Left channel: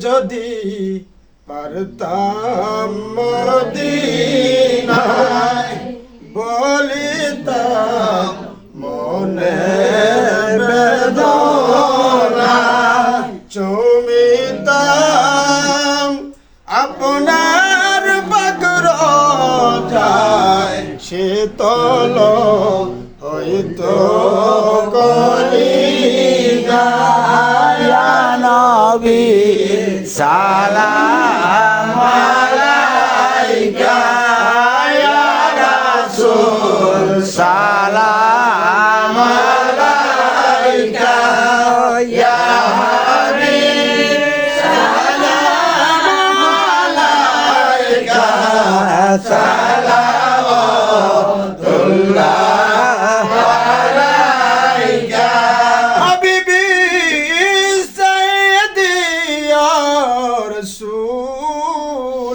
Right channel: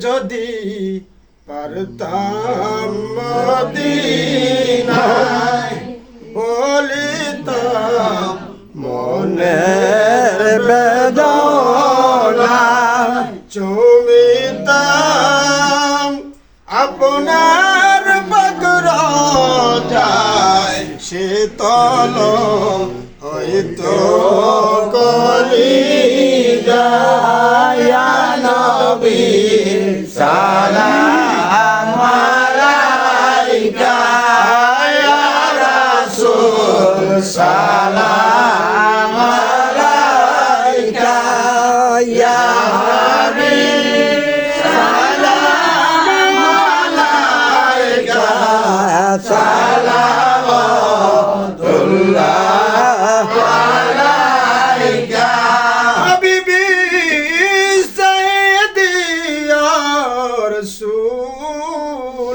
যদি পারতাম মদিনায় বলিতাম মনের বেদনা চুমিতাম আপনার বদরজায় শীতল হইতো কলিজায় ইয়া নবী সালাম আলাইকা ইয়া রাসূল সালাম আলাইকা ইয়া হাবিব সালাম আলাইকা সালাওয়াতুল্লাহ আলাইকা হাবিবি সাইয়্যিদি ইয়া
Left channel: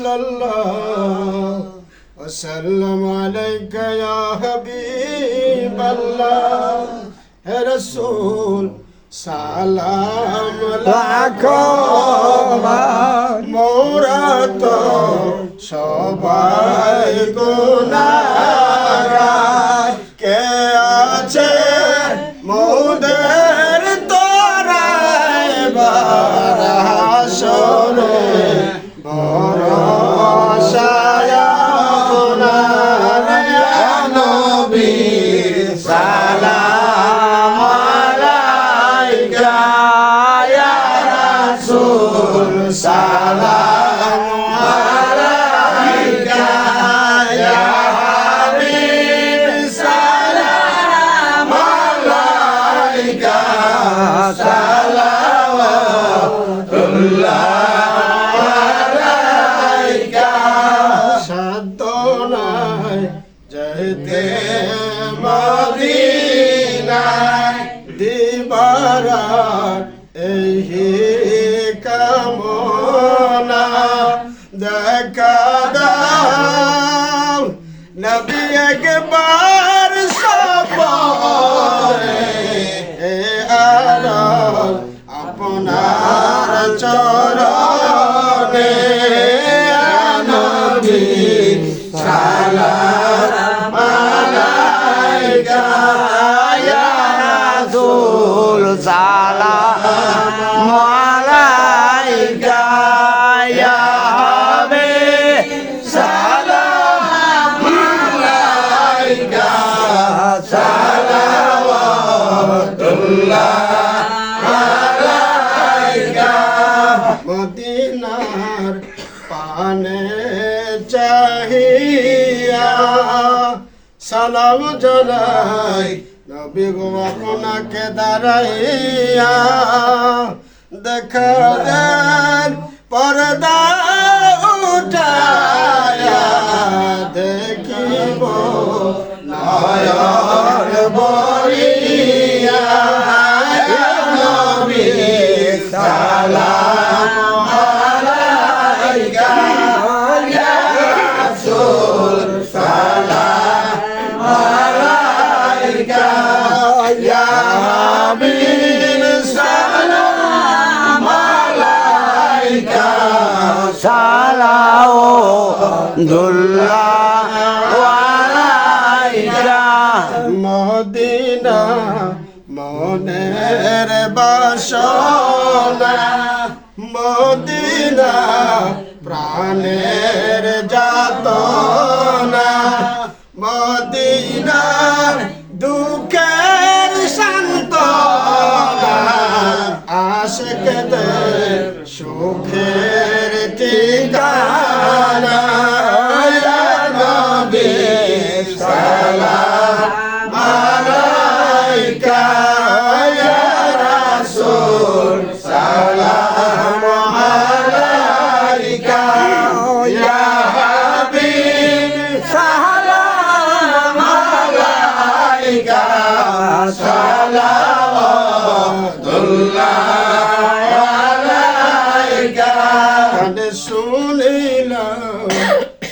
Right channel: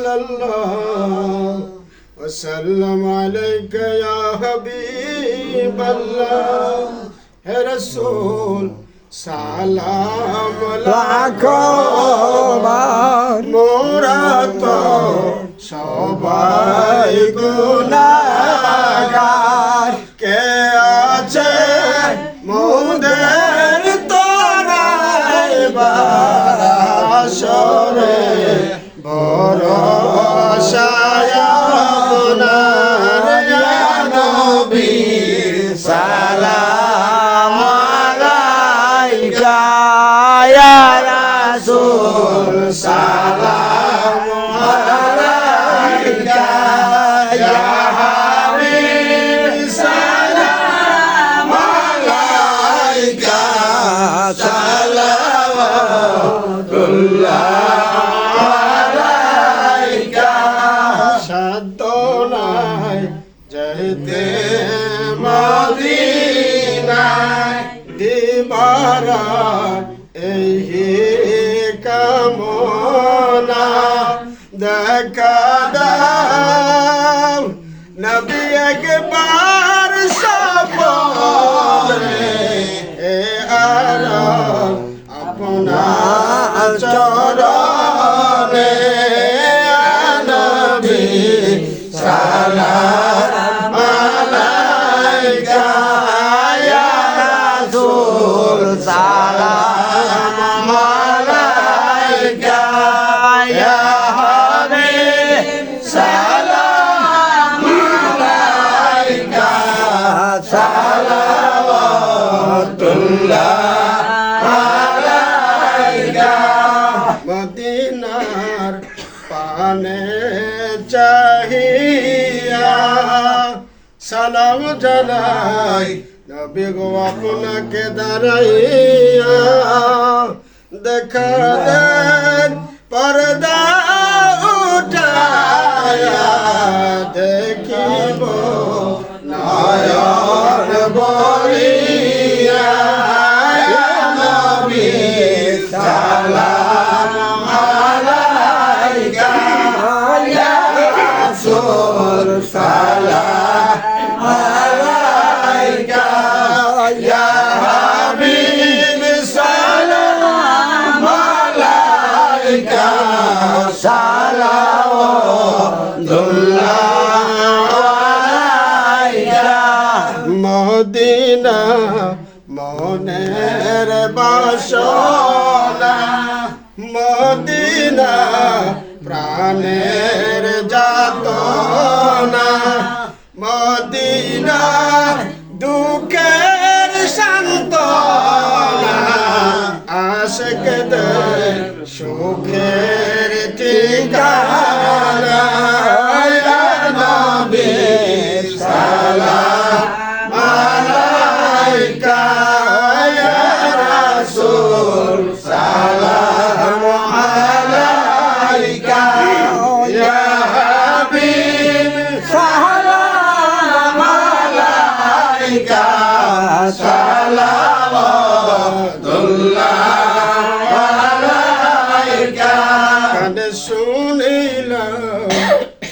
রাসূলাল্লাহ ওয়া সাল্লাম আলাইকা ইয়া হাবিবাল্লাহ হে রাসূল সালাম লাখো মোরা তো সবাই গুনাহগার কে আছে মোদের তোরায় বাসরে ভরসায় আপনার ইয়া নবী সালাম আলাইকা ইয়া রাসূল সালাম আলাইকা ইয়া হাবিব সালাম আলাইকা সালাওয়াতুল্লাহ আলাইকা সাধনায় যেতে মদিনায় দিবারাত এই কামনা দেখা দাও নবী একবার সপনে এ আরজ আপনার চরণে নবী সালাম আলাইকা ইয়া রাসূল সালাম আলাইকা ইয়া হাবিব সালাম আলাইকা সালাওয়াতুল্লাহ আলাইকা মদিনার পানে চাহিয়া সালাম জানাই নবী গো আপনাকে দাঁড়াইয়া দেখা দেন পর্দা উঠায়া দেখিব নয়ন বলিয়া ইয়া নবী সালাম আলাইকা ইয়া রাসূল সালাম আলাইকা ইয়া হাবিব সালাম আলাইকা সালাওয়াতুল্লাহ আলাইকা মদিনা মনের বাসনা মদিনা প্রাণের যাতনা মদিনা দুঃখের সান্ত্বনা আশিকদের সুখের ঠিকানা ইয়া নবী সালাম আলাইকা ইয়া রাসূল সালাম আলাইকা ইয়া হাবিব সালাম আলাইকা সালাওয়াতুল্লাহ আলাইকা কানে শুনিলাম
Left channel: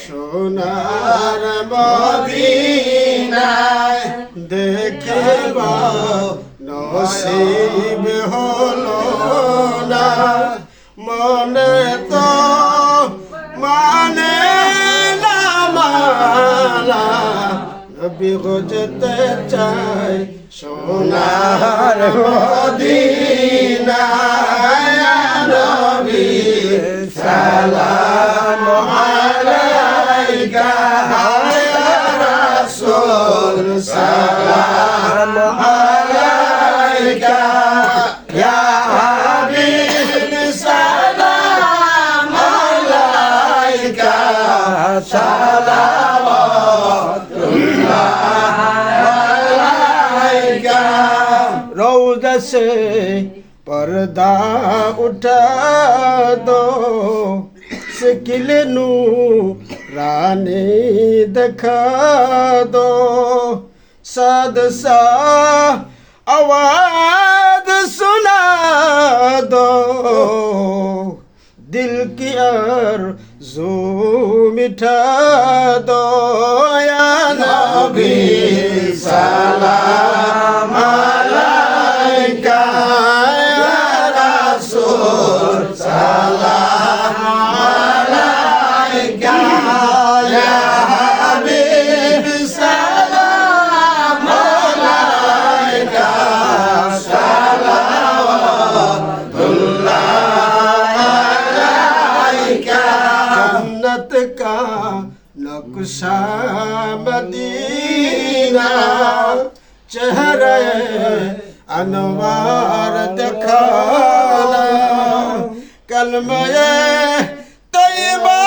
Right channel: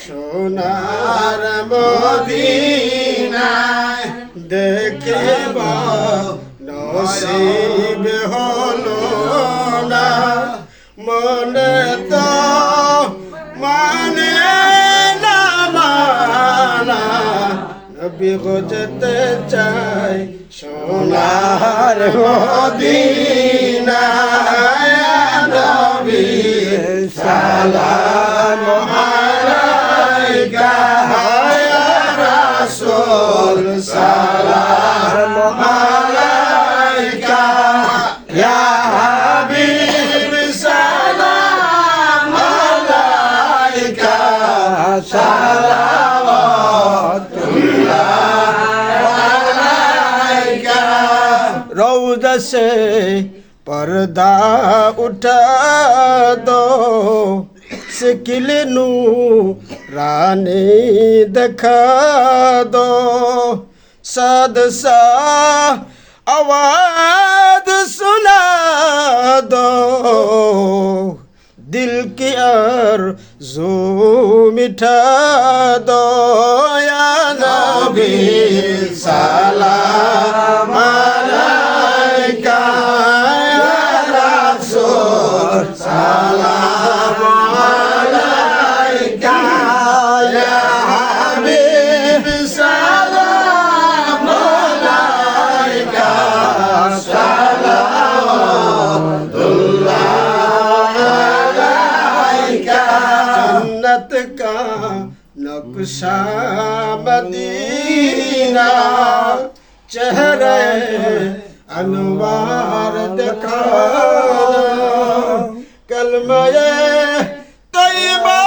সোনার মদিনায় দেখিব নসিব হলো না বলে তো মানে না মানা নবী বুঝতে চাই সোনার মদিনা নবী সালাম আলাইকা ইয়া রাসূল সালাম আলাইকা ইয়া হাবিব সালাম আলাইকা সালাওয়াতুল্লাহ রওজা से पर्दा उठा दो सिकिल नूरानी दिखा दो साद सा आवाज सुना दो दिल की आरज़ू मिटा दो या नबी सलाम अलैका या रसूल सलाम अलैका या हबीब सलाम अलैका सलावतुल्लाह अलैका जन्नत का नक्शा मदीना चेहरे अनवार दिखाना कलमे तैयबा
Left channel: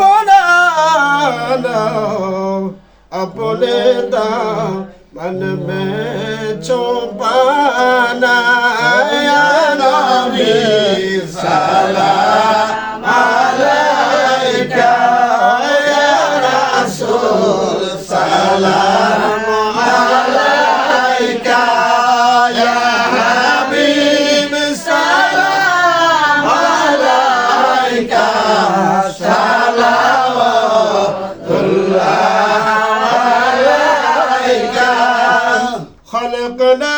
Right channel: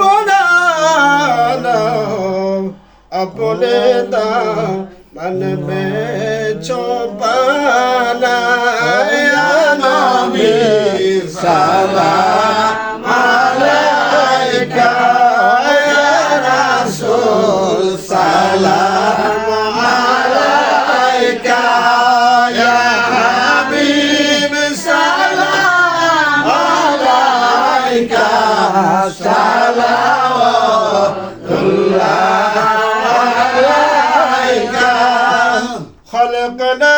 पढ़ाना अपने दामन में छुपाना या नबी सलाम अलैका या रसूल सलाम अलैका या हबीब सलाम अलैका सलावतुल्लाह अलैका खलकना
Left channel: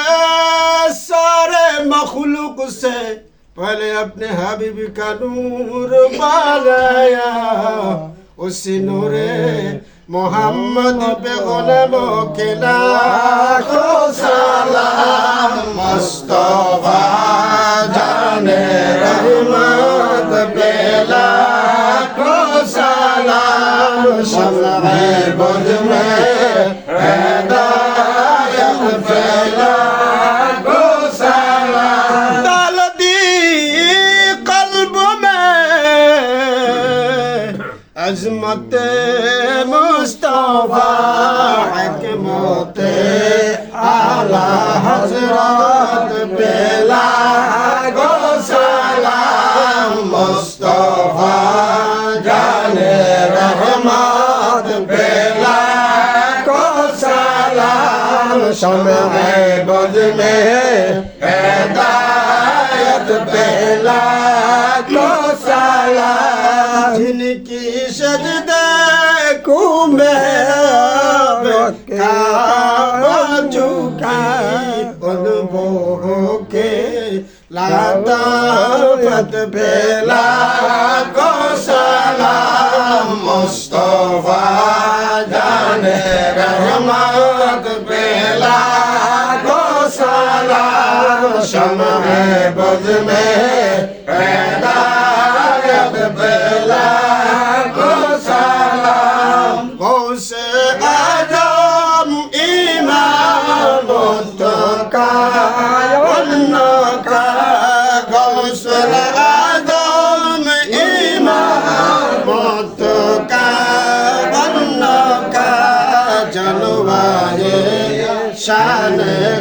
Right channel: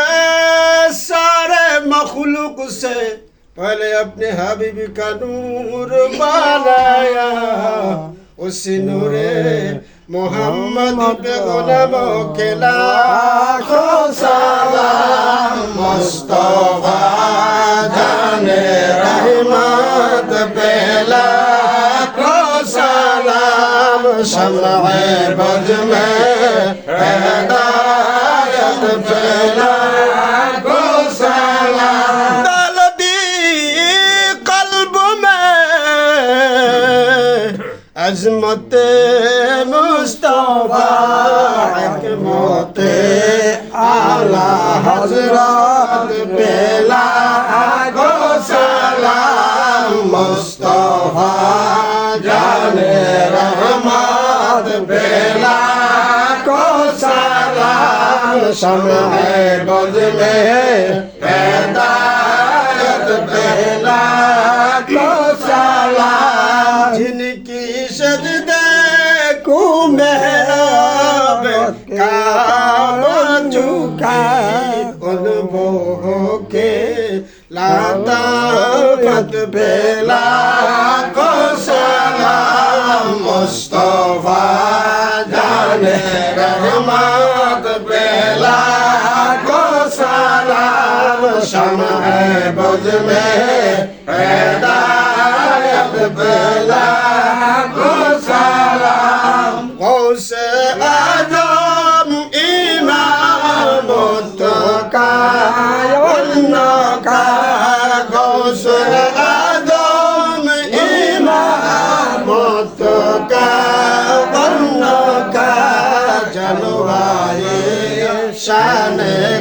सारे मखलूक से पहले अपने हबीब का नूर बनाया उसी नूरे मोहम्मद पे गुलामों के लाखों सलाम मुस्तफा जाने रहमत पे लाखों सलाम शम्ए बुझ में हिदायत पे लाखों सलाम डाल दी कल्ब में अजमत मुस्तफा हिकमत आला हजरत पे लाखों सलाम मुस्तफा जाने रहमत पे लाखों सलाम शम्ए बुझ में हिदायत पे लाखों सलाम जिनकी सजदे को महराब काबा झुका उन मोह के लाताफत पे लाखों सलाम मुस्तफा जाने रहमत पे लाखों सलाम शम्ए बुझ में हिदायत पे लाखों सलाम गौसे आजम इमाम का उनका गौसे आजम इमाम का उनका जलवाए शान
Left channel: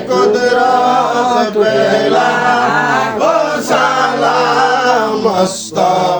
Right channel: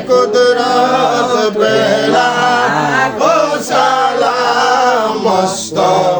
कुदरत पे लाखों सलाम मुस्तफा